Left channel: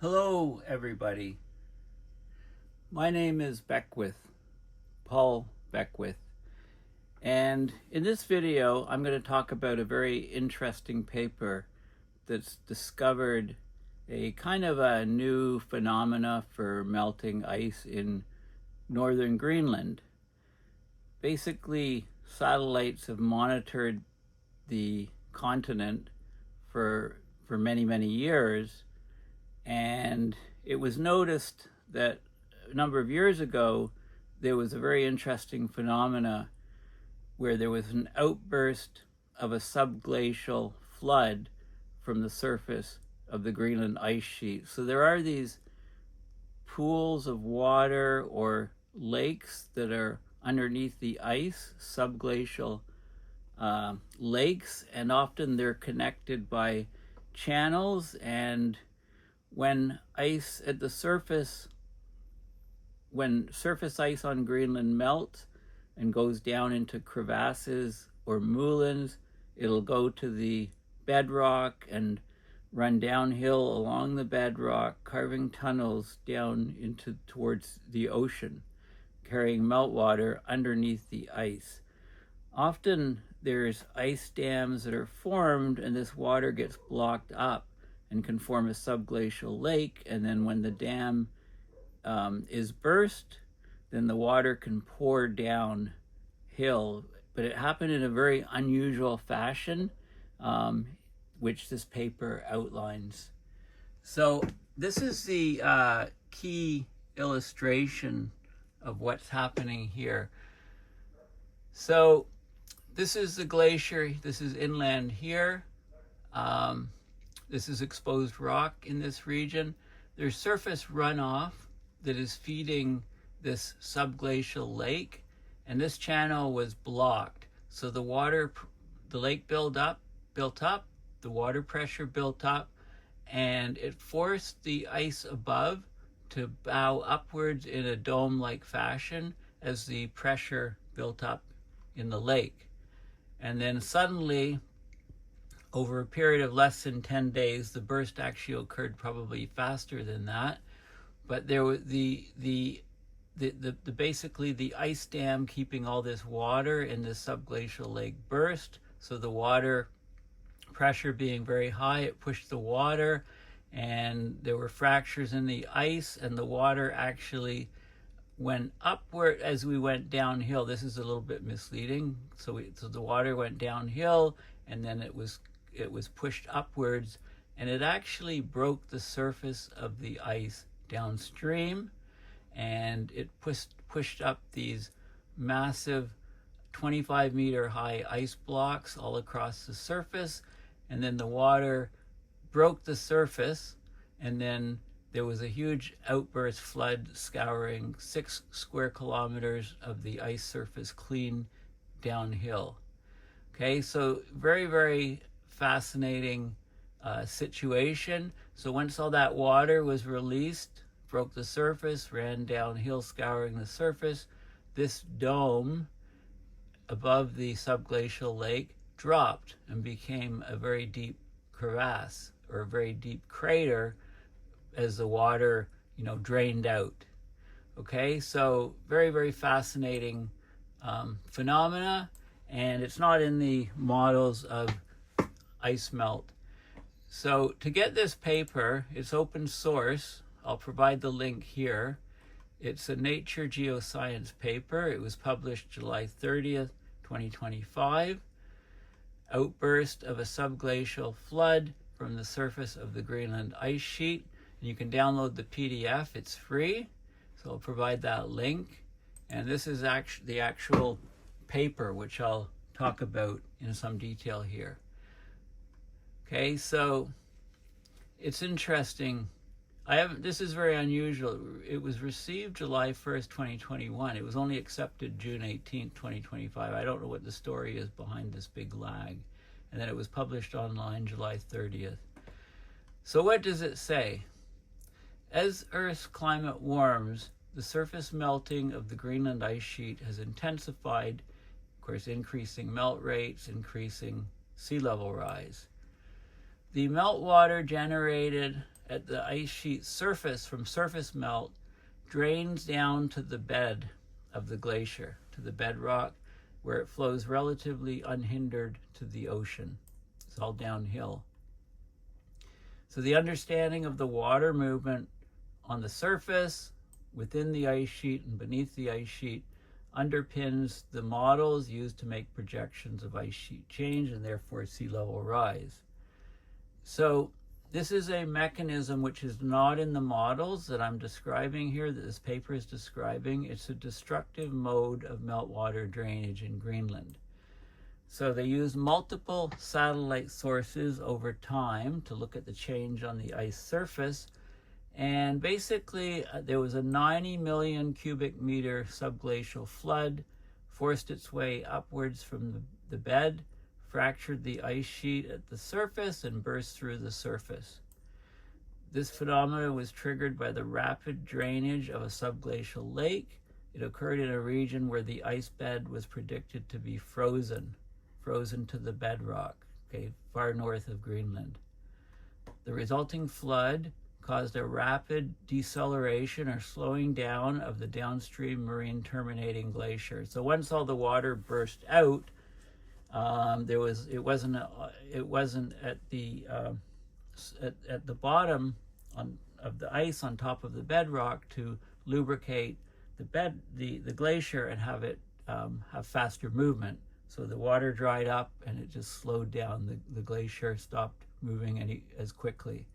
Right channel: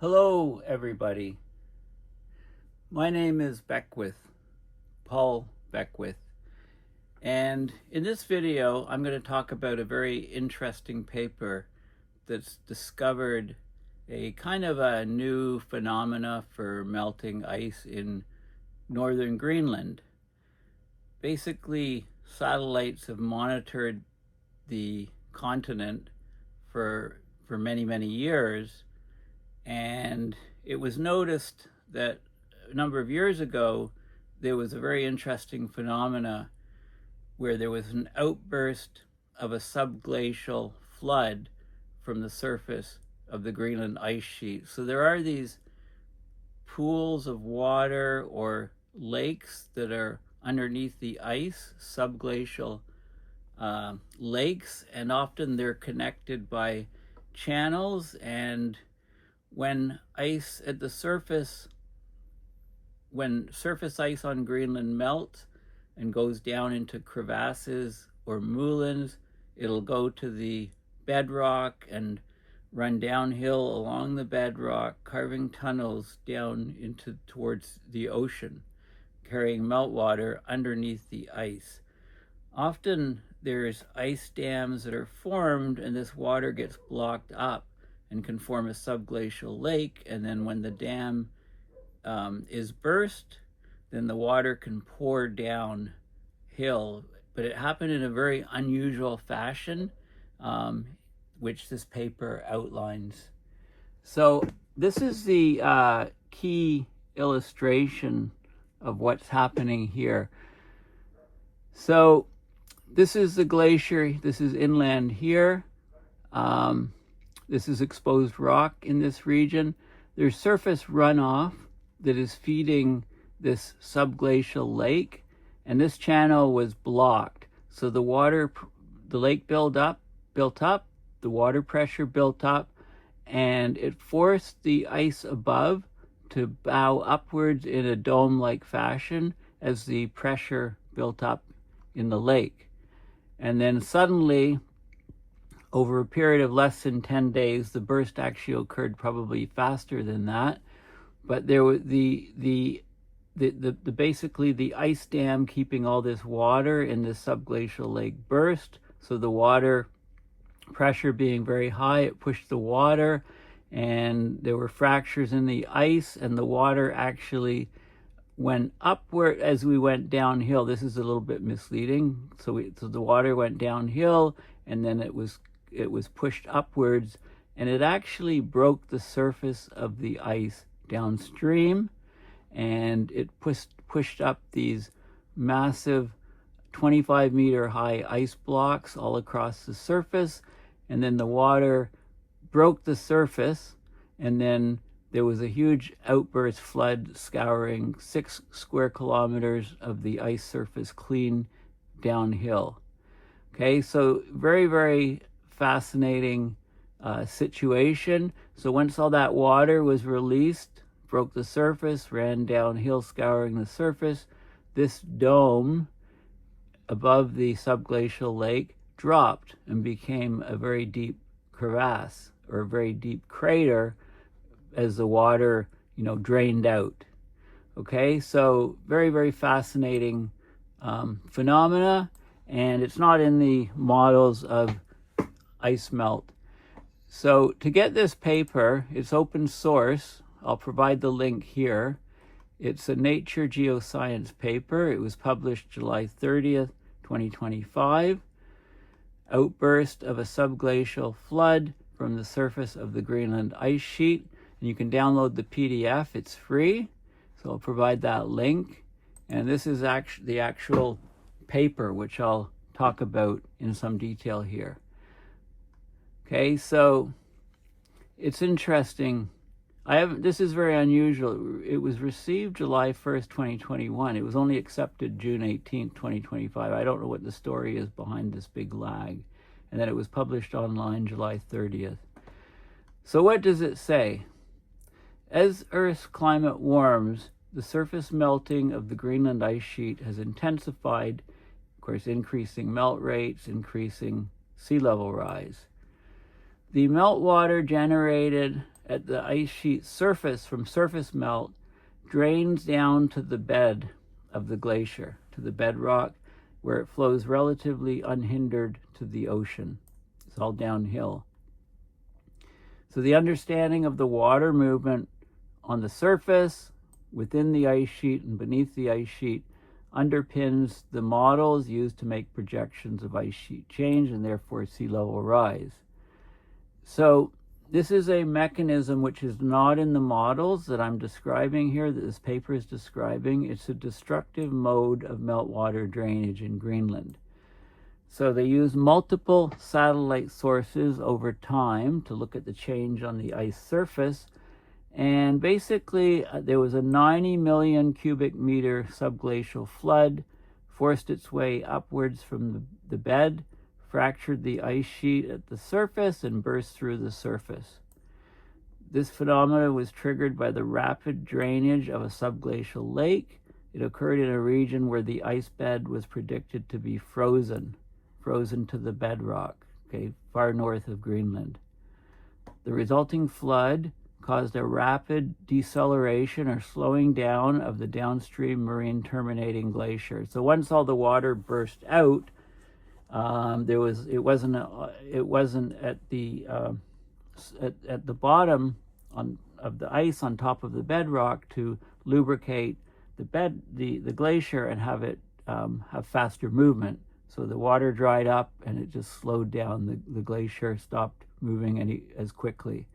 Hello, everybody. My name is Paul Beckwith, and in this video, I'm going to talk about a very interesting paper that's discovered a kind of a new phenomena for melting ice in northern Greenland. Basically, satellites have monitored the continent for many years, and it was noticed that a number of years ago there was a very interesting phenomena where there was an outburst of a subglacial flood from the surface of the Greenland ice sheet. So there are these pools of water or lakes that are underneath the ice, subglacial lakes, and often they're connected by channels. And when ice at the surface, when surface ice on Greenland melts and goes down into crevasses or moulins, it'll go to the bedrock and run downhill along the bedrock, carving tunnels down towards the ocean, carrying meltwater underneath the ice. Often there's ice dams that are formed, and this water gets blocked up and can form a subglacial lake. And then when the dam is burst, then the water can pour downhill. But it happened in a very unusual fashion, which this paper outlines. So this is the key illustration of what's happening here. So this is the glacier. This is inland here. This is exposed rock in this region. There's surface runoff that is feeding this subglacial lake, and this channel was blocked. So the lake built up, the water pressure built up, and it forced the ice above to bow upwards in a dome-like fashion as the pressure built up in the lake. And then suddenly, over a period of less than 10 days, the burst actually occurred probably faster than that. But there was basically the ice dam keeping all this water in this subglacial lake burst. So the water pressure being very high, it pushed the water, and there were fractures in the ice, and the water actually went upward as we went downhill. This is a little bit misleading. So the water went downhill, and then it was pushed upwards, and it actually broke the surface of the ice downstream, and it pushed up these massive 25-meter high ice blocks all across the surface. And then the water broke the surface, and then there was a huge outburst flood scouring 6 square kilometers of the ice surface clean downhill. Okay, so very fascinating situation. So once all that water was released, broke the surface, ran downhill scouring the surface, this dome above the subglacial lake dropped and became a very deep crevasse, or a very deep crater, as the water drained out. Okay, so very fascinating phenomena, and it's not in the models of ice melt. So to get this paper, it's open source. I'll provide the link here. It's a Nature Geoscience paper. It was published July 30th, 2025. Outburst of a subglacial flood from the surface of the Greenland ice sheet. And you can download the PDF. It's free. So I'll provide that link. And this is the actual paper, which I'll talk about in some detail here. Okay, so it's interesting. This is very unusual. It was received July 1st, 2021. It was only accepted June 18th, 2025. I don't know what the story is behind this big lag. And then it was published online July 30th. So what does it say? As Earth's climate warms, the surface melting of the Greenland ice sheet has intensified, of course, increasing melt rates, increasing sea level rise. The meltwater generated at the ice sheet surface from surface melt drains down to the bed of the glacier, to the bedrock, where it flows relatively unhindered to the ocean. It's all downhill. So the understanding of the water movement on the surface, within the ice sheet, and beneath the ice sheet underpins the models used to make projections of ice sheet change and therefore sea level rise. So this is a mechanism which is not in the models that I'm describing here, that this paper is describing. It's a destructive mode of meltwater drainage in Greenland. So they use multiple satellite sources over time to look at the change on the ice surface. And basically, there was a 90 million cubic meter subglacial flood, forced its way upwards from the bed, fractured the ice sheet at the surface, and burst through the surface. This phenomenon was triggered by the rapid drainage of a subglacial lake. It occurred in a region where the ice bed was predicted to be frozen to the bedrock, far north of Greenland. The resulting flood caused a rapid deceleration or slowing down of the downstream marine terminating glacier. So once all the water burst out, it wasn't at the bottom of the ice on top of the bedrock to lubricate the glacier and have it have faster movement. So the water dried up and it just slowed down. The glacier stopped moving as quickly.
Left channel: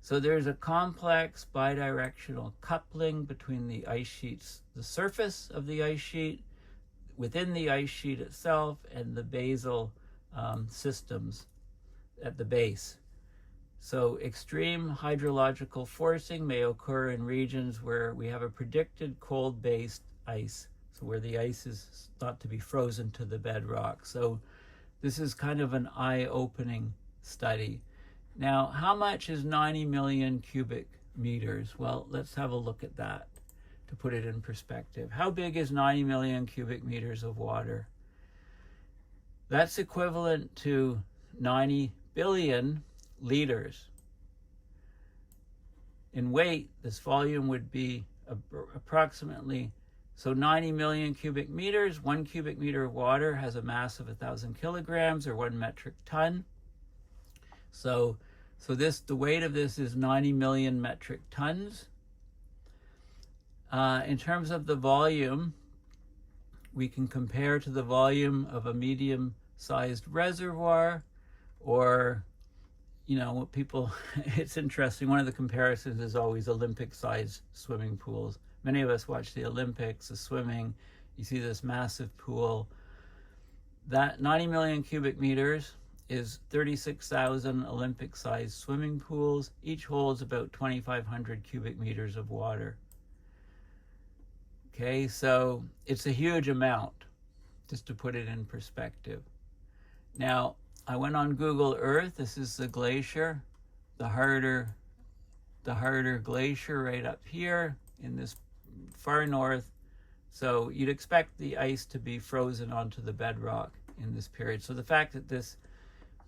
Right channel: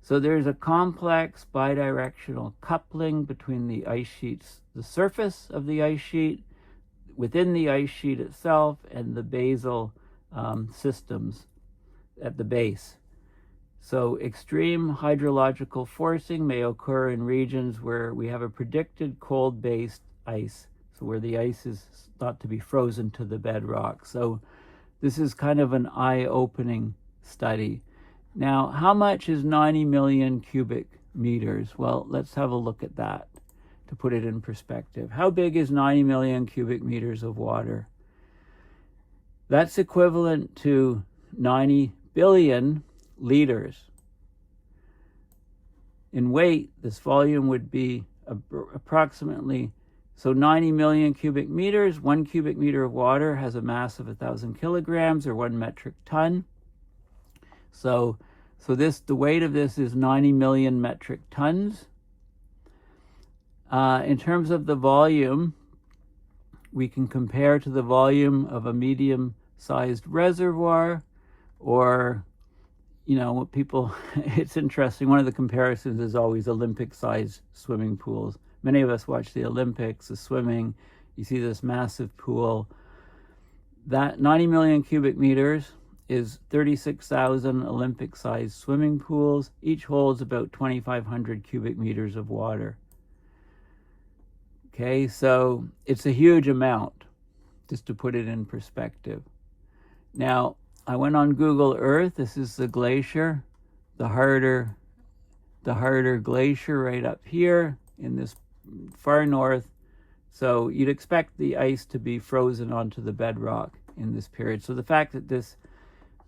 So there's a complex bidirectional coupling between the ice sheets, the surface of the ice sheet, within the ice sheet itself, and the basal systems at the base. So extreme hydrological forcing may occur in regions where we have a predicted cold-based ice, so where the ice is thought to be frozen to the bedrock. So this is kind of an eye-opening study. Now, how much is 90 million cubic meters? Well, let's have a look at that to put it in perspective. How big is 90 million cubic meters of water? That's equivalent to 90 billion liters. In weight, this volume would be approximately, so 90 million cubic meters, 1 cubic meter of water has a mass of 1,000 kilograms or 1 metric ton. So the weight of this is 90 million metric tons. In terms of the volume, we can compare to the volume of a medium-sized reservoir, or, what people, it's interesting, one of the comparisons is always Olympic-sized swimming pools. Many of us watch the Olympics, the swimming, you see this massive pool. That 90 million cubic meters is 36,000 Olympic-sized swimming pools. Each holds about 2,500 cubic meters of water. Okay, so it's a huge amount, just to put it in perspective. Now, I went on Google Earth. This is the glacier, the harder glacier right up here in this far north. So you'd expect the ice to be frozen onto the bedrock in this period. So the fact that this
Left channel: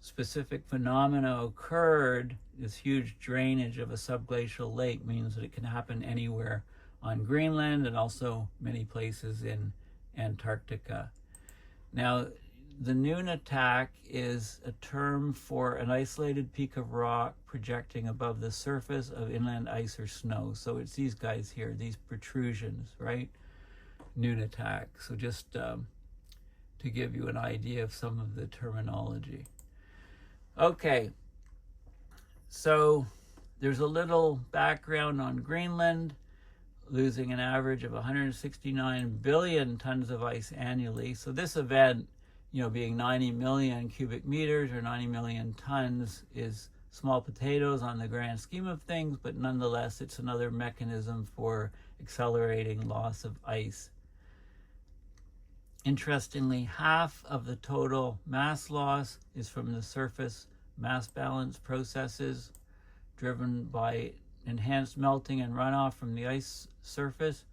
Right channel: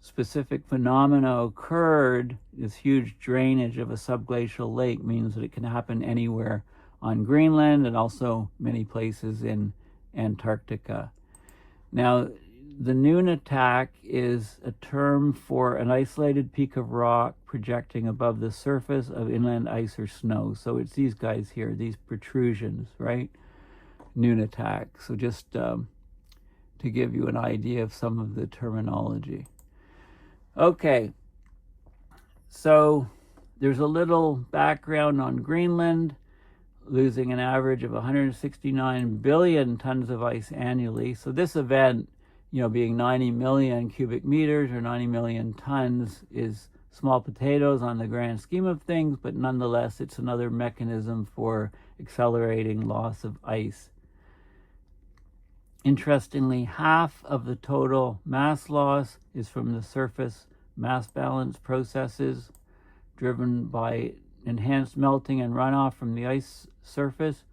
specific phenomena occurred, this huge drainage of a subglacial lake, means that it can happen anywhere on Greenland and also many places in Antarctica. Now, the nunatak is a term for an isolated peak of rock projecting above the surface of inland ice or snow. So it's these guys here, these protrusions, right? Nunatak. So just to give you an idea of some of the terminology. Okay, so there's a little background on Greenland, losing an average of 169 billion tons of ice annually. So this event, being 90 million cubic meters or 90 million tons, is small potatoes on the grand scheme of things, but nonetheless, it's another mechanism for accelerating loss of ice. Interestingly, half of the total mass loss is from the surface mass balance processes driven by enhanced melting and runoff from the ice surface.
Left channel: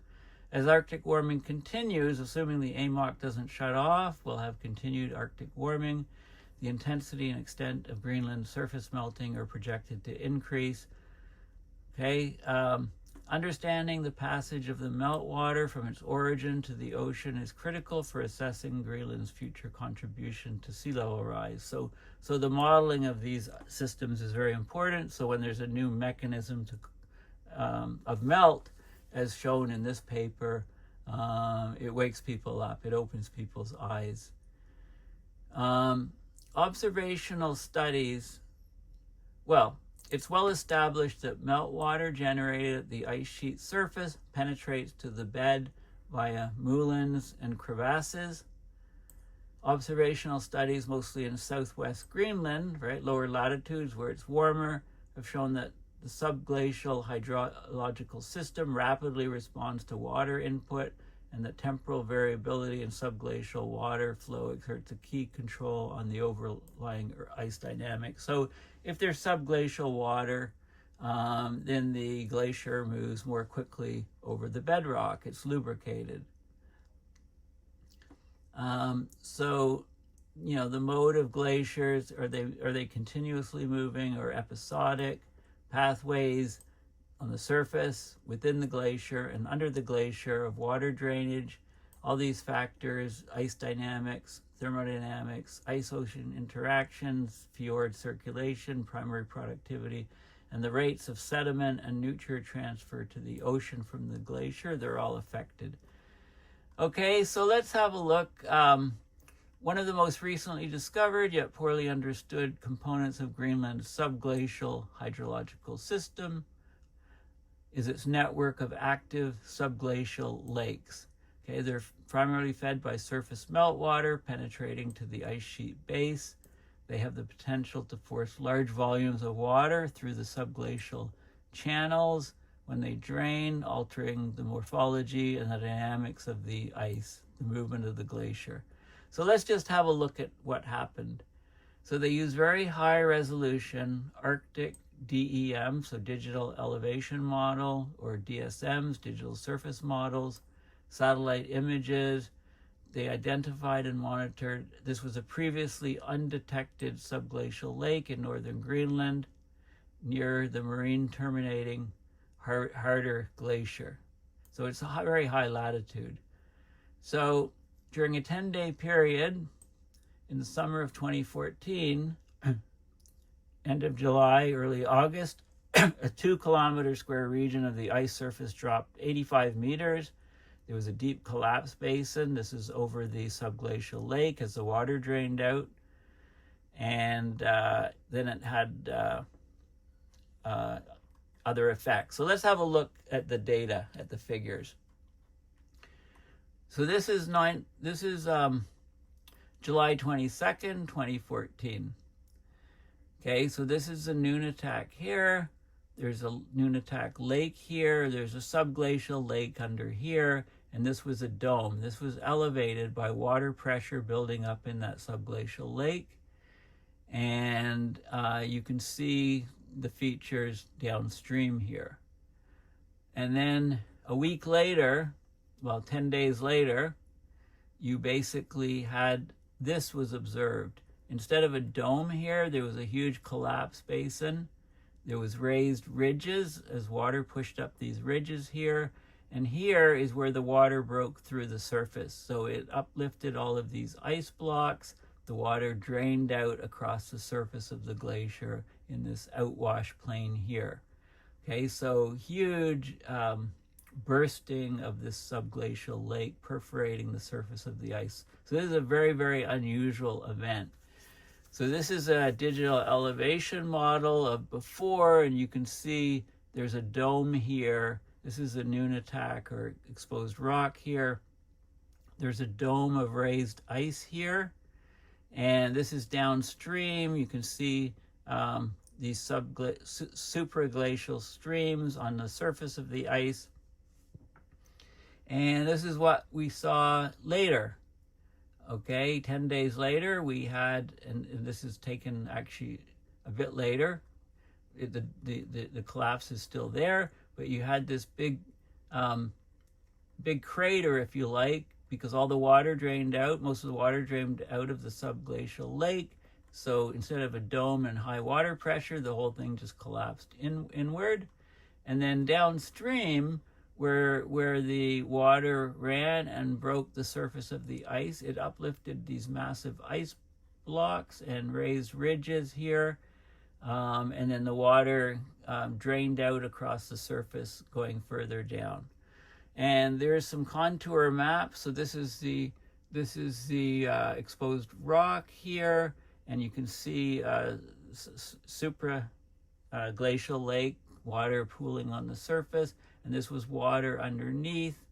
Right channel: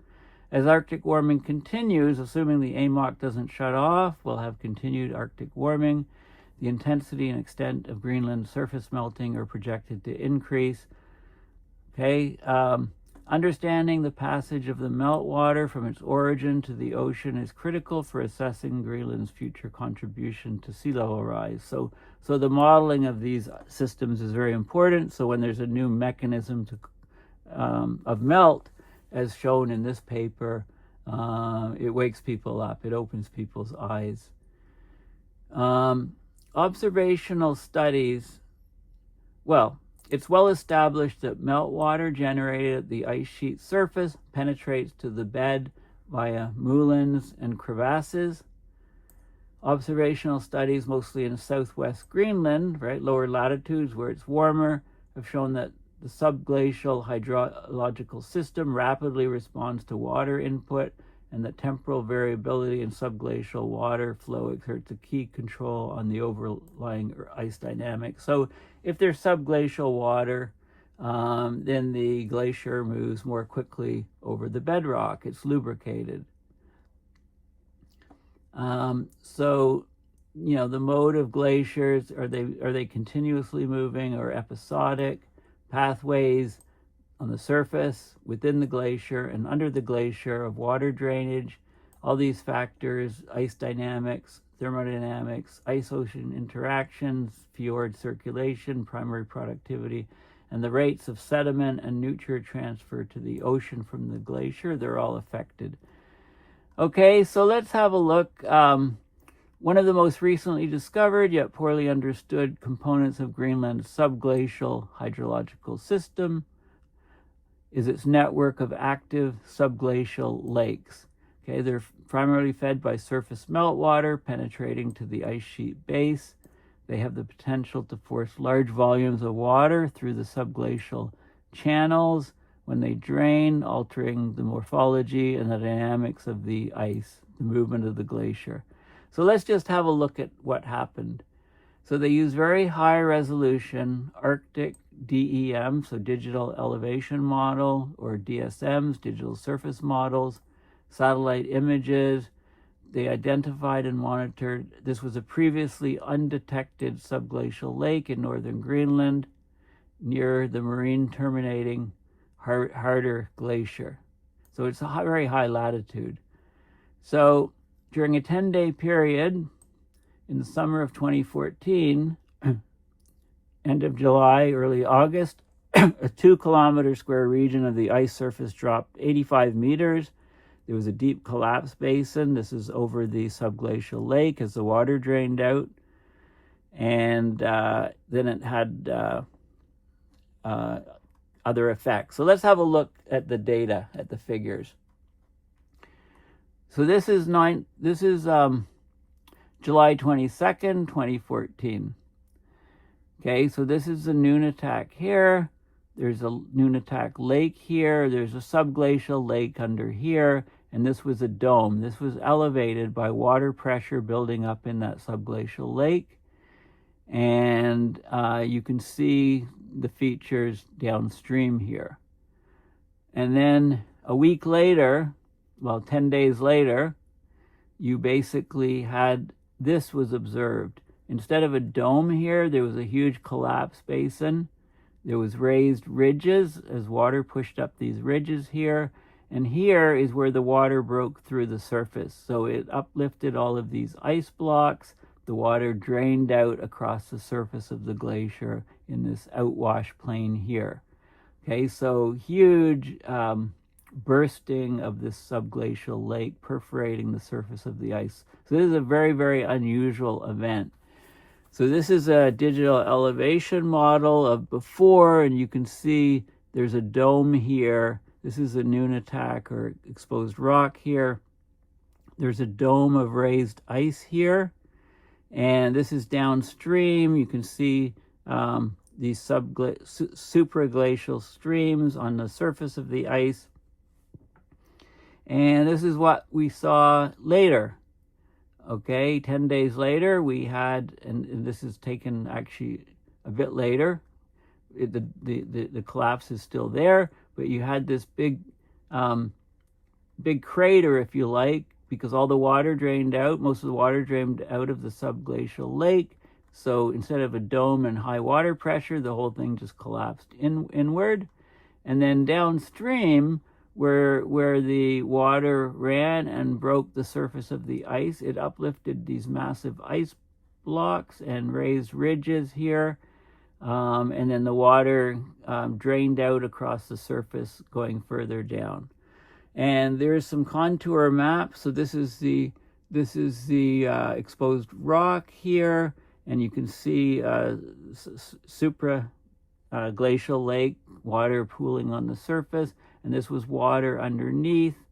As Arctic warming continues, assuming the AMOC doesn't shut off, we'll have continued Arctic warming. The intensity and extent of Greenland surface melting are projected to increase. Okay, understanding the passage of the meltwater from its origin to the ocean is critical for assessing Greenland's future contribution to sea level rise. So the modeling of these systems is very important. So when there's a new mechanism of melt, as shown in this paper, it wakes people up. It opens people's eyes. Observational studies, well, it's well established that meltwater generated at the ice sheet surface penetrates to the bed via moulins and crevasses. Observational studies, mostly in southwest Greenland, right, lower latitudes where it's warmer, have shown that the subglacial hydrological system rapidly responds to water input, and that temporal variability in subglacial water flow exerts a key control on the overlying ice dynamics. So if there's subglacial water, then the glacier moves more quickly over the bedrock. It's lubricated. So, you know, the mode of glaciers, are they continuously moving or episodic? Pathways on the surface, within the glacier, and under the glacier of water drainage, all these factors, ice dynamics, thermodynamics, ice-ocean interactions, fjord circulation, primary productivity, and the rates of sediment and nutrient transfer to the ocean from the glacier, they're all affected. Okay, so let's have a look. One of the most recently discovered yet poorly understood components of Greenland's subglacial hydrological system is its network of active subglacial lakes. Okay, they're primarily fed by surface meltwater penetrating to the ice sheet base. They have the potential to force large volumes of water through the subglacial channels when they drain, altering the morphology and the dynamics of the ice, the movement of the glacier. So let's just have a look at what happened. So they use very high resolution Arctic DEM, so digital elevation model, or DSMs, digital surface models, satellite images. They identified and monitored, this was a previously undetected subglacial lake in northern Greenland near the marine terminating Harder Glacier. So it's a very high latitude. So during a 10-day period in the summer of 2014, end of July, early August, a 2-kilometer square region of the ice surface dropped 85 meters. There was a deep collapse basin. This is over the subglacial lake as the water drained out. And then it had other effects. So let's have a look at the data, at the figures. So this is July 22nd, 2014. Okay, so this is the Nunatak here. There's a Nunatak Lake here. There's a subglacial lake under here. And this was a dome. This was elevated by water pressure building up in that subglacial lake. And you can see the features downstream here. And then a week later, well, 10 days later, you basically had, this was observed. Instead of a dome here, there was a huge collapse basin. There was raised ridges as water pushed up these ridges here. And here is where the water broke through the surface. So it uplifted all of these ice blocks. The water drained out across the surface of the glacier in this outwash plain here. Okay, so huge bursting of this subglacial lake perforating the surface of the ice. So this is a very, very unusual event. So this is a digital elevation model of before, and you can see there's a dome here. This is a Nunatak or exposed rock here. There's a dome of raised ice here. And this is downstream. You can see these supraglacial streams on the surface of the ice. And this is what we saw later. Okay, 10 days later, we had, and this is taken actually a bit later. The collapse is still there, but you had this big crater, if you like, because all the water drained out. Most of the water drained out of the subglacial lake. So instead of a dome and high water pressure, the whole thing just collapsed inward. And then downstream, where the water ran and broke the surface of the ice, it uplifted these massive ice blocks and raised ridges here. And then the water drained out across the surface going further down. And there is some contour maps. So this is the exposed rock here, and you can see Subglacial lake, water pooling on the surface, and this was water underneath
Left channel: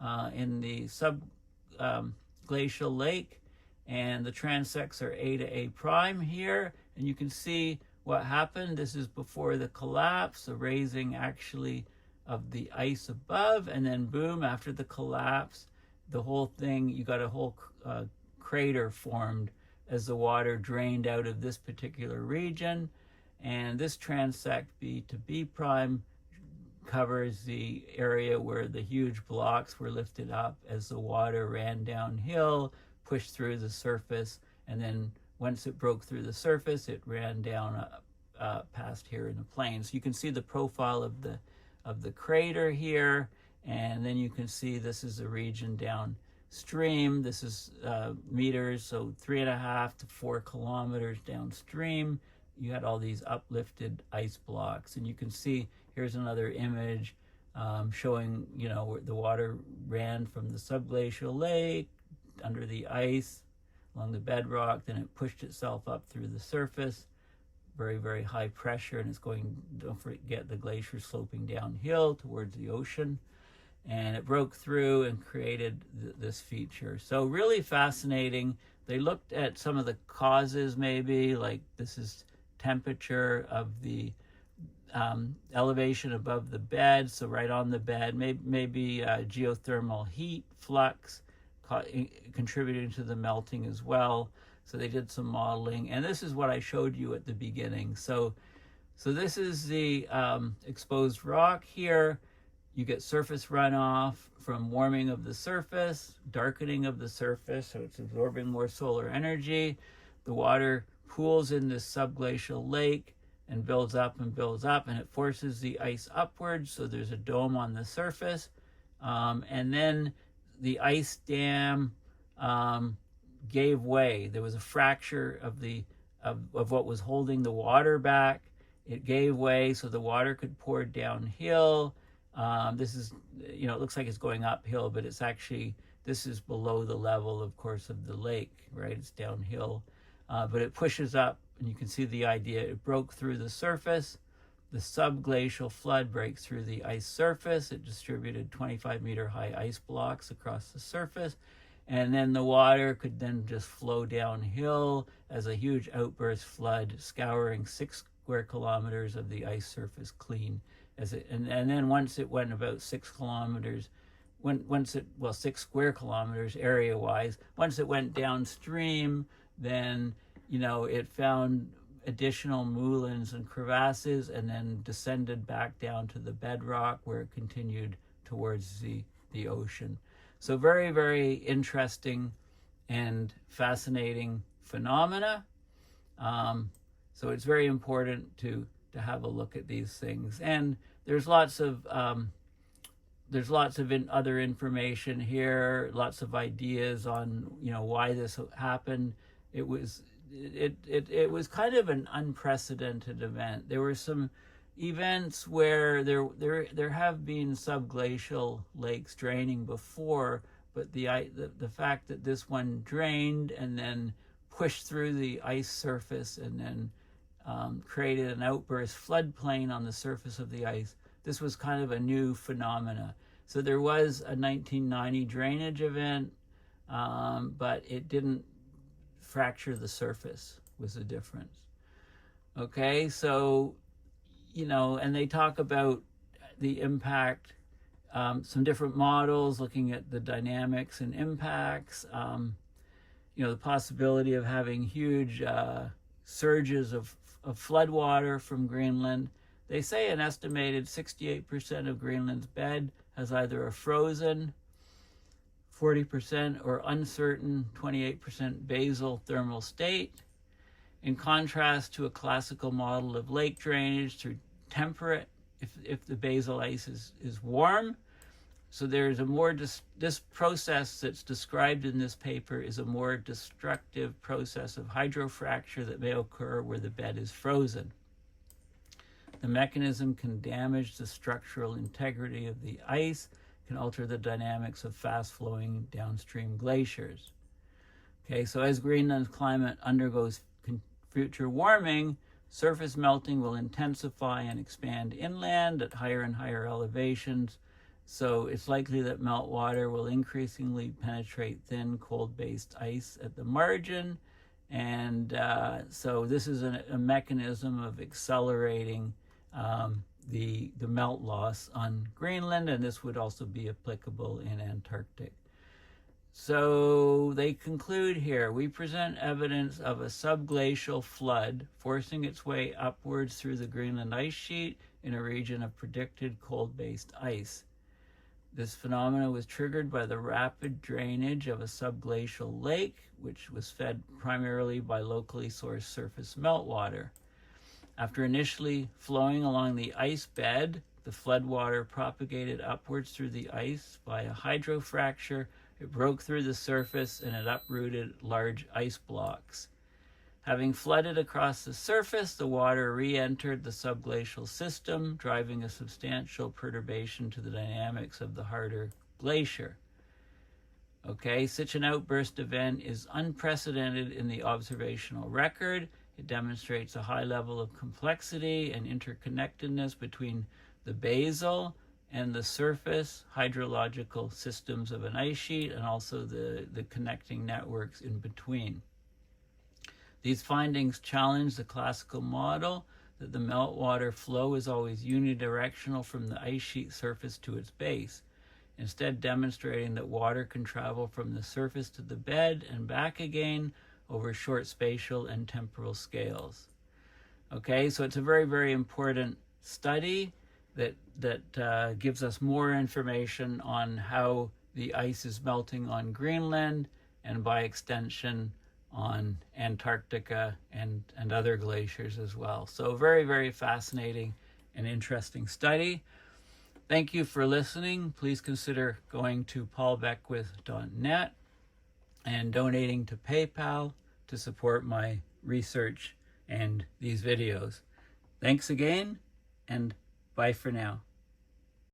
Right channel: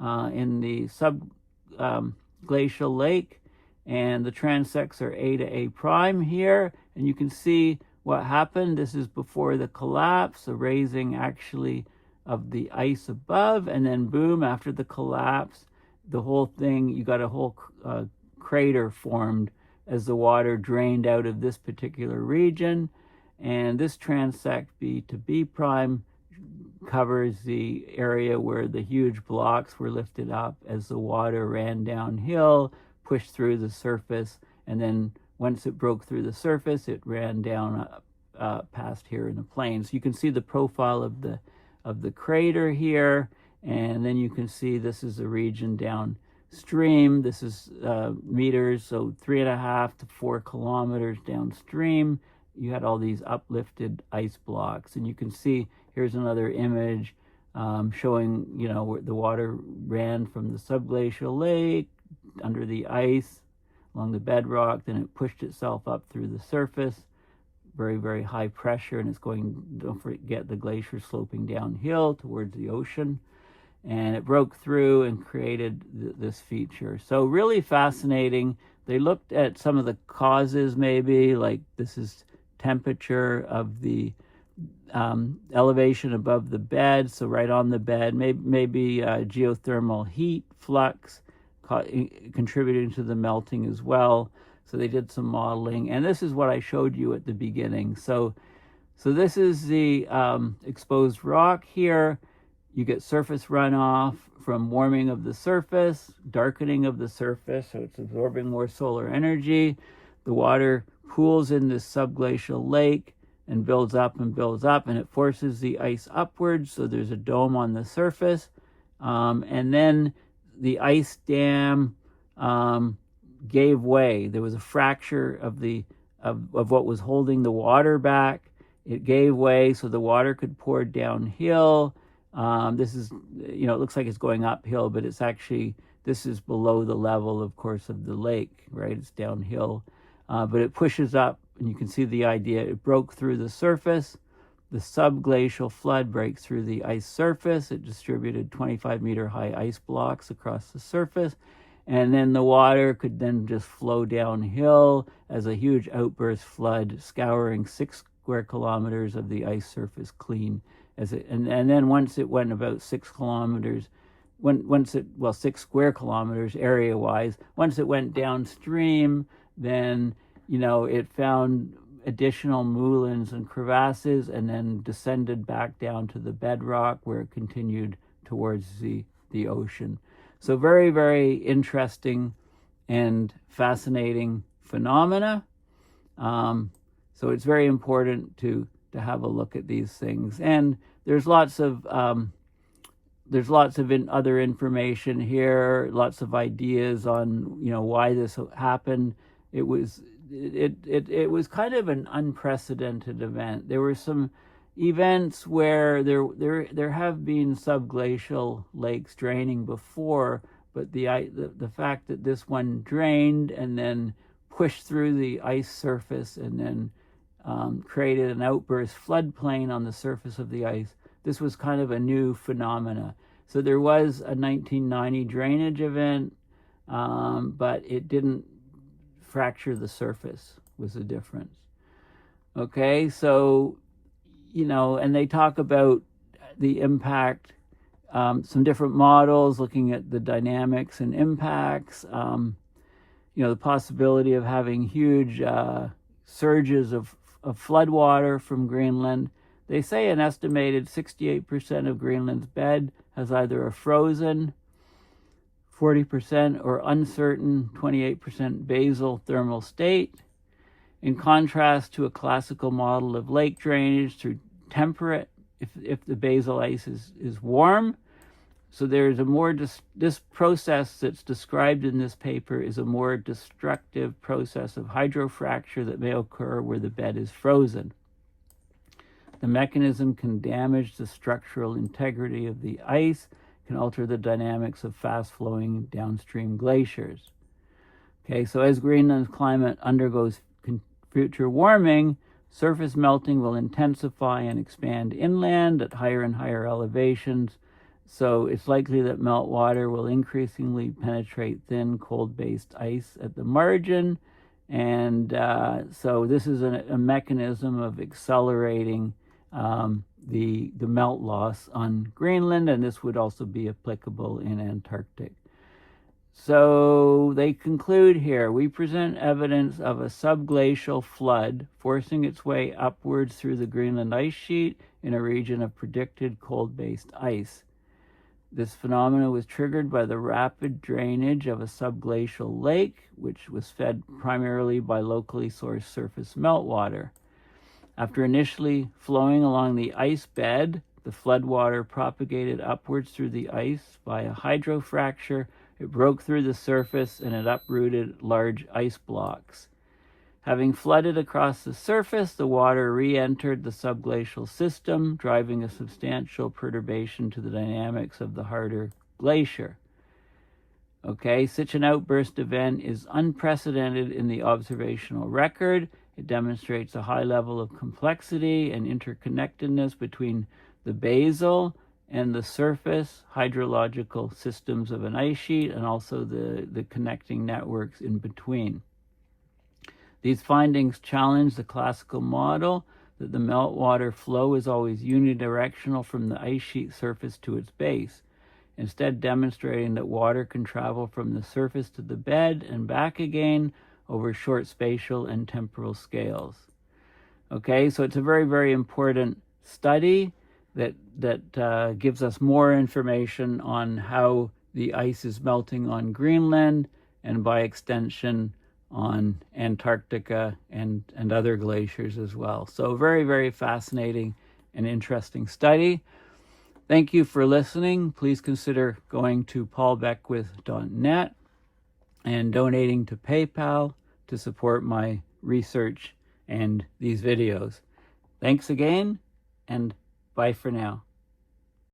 in the Subglacial lake, and the transects are A to A prime here, and you can see what happened. This is before the collapse, the raising actually of the ice above, and then boom, after the collapse, the whole thing, you got a whole crater formed as the water drained out of this particular region. And this transect B to B prime covers the area where the huge blocks were lifted up as the water ran downhill, pushed through the surface, and then once it broke through the surface, it ran down past here in the plains. You can see the profile of the crater here, and then you can see this is the region downstream. This is meters, so 3.5 to 4 kilometers downstream. You had all these uplifted ice blocks, and you can see here's another image showing, you know, where the water ran from the Subglacial lake under the ice along the bedrock, then it pushed itself up through the surface, very, very high pressure, and it's going, don't forget, the glacier sloping downhill towards the ocean, and it broke through and created this feature. So really fascinating. They looked at some of the causes, maybe, like this is temperature of the elevation above the bed, so right on the bed, maybe geothermal heat flux contributing to the melting as well. So they did some modeling, and this is what I showed you at the beginning. So this is the exposed rock here. You get surface runoff from warming of the surface, darkening of the surface, so it's absorbing more solar energy. The water pools in this Subglacial lake and builds up, and it forces the ice upwards, so there's a dome on the surface. And then the ice dam gave way. There was a fracture of what was holding the water back. It gave way so the water could pour downhill. This is, you know, it looks like it's going uphill, but it's actually, this is below the level, of course, of the lake, right? It's downhill, but it pushes up, and you can see the idea. It broke through the surface. The subglacial flood breaks through the ice surface. It distributed 25-meter high ice blocks across the surface, and then the water could then just flow downhill as a huge outburst flood, scouring 6 square kilometers of the ice surface clean. And then once it went about 6 kilometers, 6 square kilometers area-wise, once it went downstream, then, you know, it found additional moulins and crevasses, and then descended back down to the bedrock, where it continued towards the ocean. So very, very interesting and fascinating phenomena. So it's very important to have a look at these things. And there's lots of other information here, lots of ideas on, you know, why this happened. It was kind of an unprecedented event. There were some events where there have been subglacial lakes draining before, but the fact that this one drained and then pushed through the ice surface and then created an outburst floodplain on the surface of the ice, this was kind of a new phenomena. So there was a 1990 drainage event, but it didn't fracture the surface, was the difference. Okay, so, you know, and they talk about the impact, some different models looking at the dynamics and impacts, you know, the possibility of having huge surges of floodwater from Greenland. They say an estimated 68% of Greenland's bed has either a frozen 40% or uncertain 28% basal thermal state, in contrast to a classical model of lake drainage through temperate if the basal ice is warm. So there's a more, this process that's described in this paper is a more destructive process of hydrofracture that may occur where the bed is frozen. The mechanism can damage the structural integrity of the ice, can alter the dynamics of fast-flowing downstream glaciers. Okay, so as Greenland's climate undergoes future warming, surface melting will intensify and expand inland at higher and higher elevations. So it's likely that meltwater will increasingly penetrate thin, cold-based ice at the margin. And so this is a mechanism of accelerating the melt loss on Greenland, and this would also be applicable in Antarctic. So they conclude here, we present evidence of a subglacial flood forcing its way upwards through the Greenland ice sheet in a region of predicted cold-based ice. This phenomenon was triggered by the rapid drainage of a subglacial lake, which was fed primarily by locally sourced surface meltwater. After initially flowing along the ice bed, the floodwater propagated upwards through the ice by a hydrofracture. It broke through the surface and it uprooted large ice blocks. Having flooded across the surface, the water re-entered the subglacial system, driving a substantial perturbation to the dynamics of the harder glacier. Okay, such an outburst event is unprecedented in the observational record. It demonstrates a high level of complexity and interconnectedness between the basal and the surface hydrological systems of an ice sheet, and also the connecting networks in between. These findings challenge the classical model that the meltwater flow is always unidirectional from the ice sheet surface to its base, instead demonstrating that water can travel from the surface to the bed and back again over short spatial and temporal scales. Okay, so it's a very, very important study that gives us more information on how the ice is melting on Greenland, and by extension on Antarctica and other glaciers as well. So very, very fascinating and interesting study. Thank you for listening. Please consider going to paulbeckwith.net and donating to PayPal to support my research and these videos. Thanks again, and bye for now.